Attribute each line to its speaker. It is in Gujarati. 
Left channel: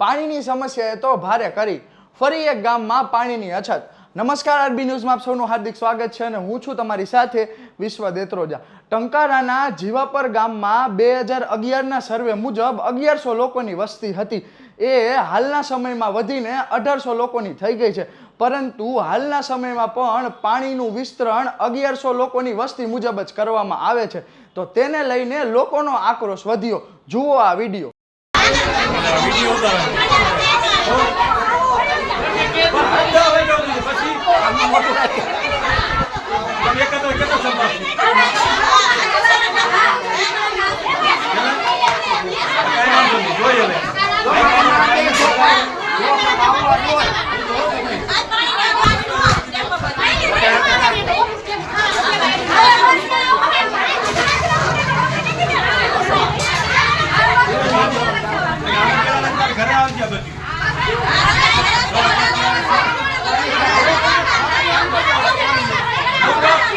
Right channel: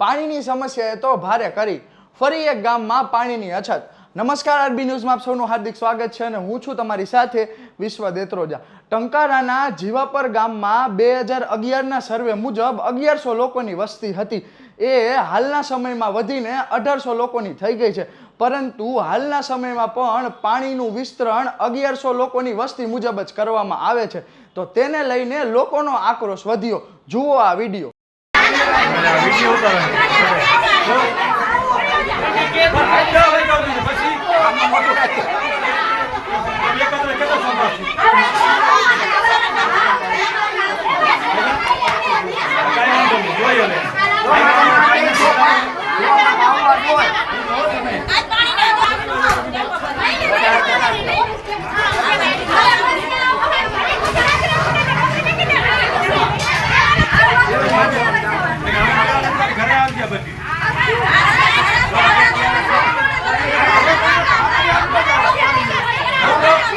Speaker 1: પાણીની સમસ્યાએ તો ભારે કરી ફરી એક ગામમાં પાણીની અછત. નમસ્કાર, આરબી ન્યૂઝમાં આપ સૌનું હાર્દિક સ્વાગત છે અને હું છું તમારી સાથે વિશ્વ દેત્રોજા. ટંકારાના જીવાપર ગામમાં બે હજાર અગિયારના સર્વે મુજબ અગિયારસો લોકોની વસ્તી હતી. એ હાલના સમયમાં વધીને અઢારસો લોકોની થઈ ગઈ છે. પરંતુ હાલના સમયમાં પણ પાણીનું વિસ્તરણ અગિયારસો લોકોની વસ્તી મુજબ જ કરવામાં આવે છે. તો તેને લઈને લોકોનો આક્રોશ વધ્યો. જુઓ આ વીડિયો.
Speaker 2: ઘરે આવી ગયા બધી.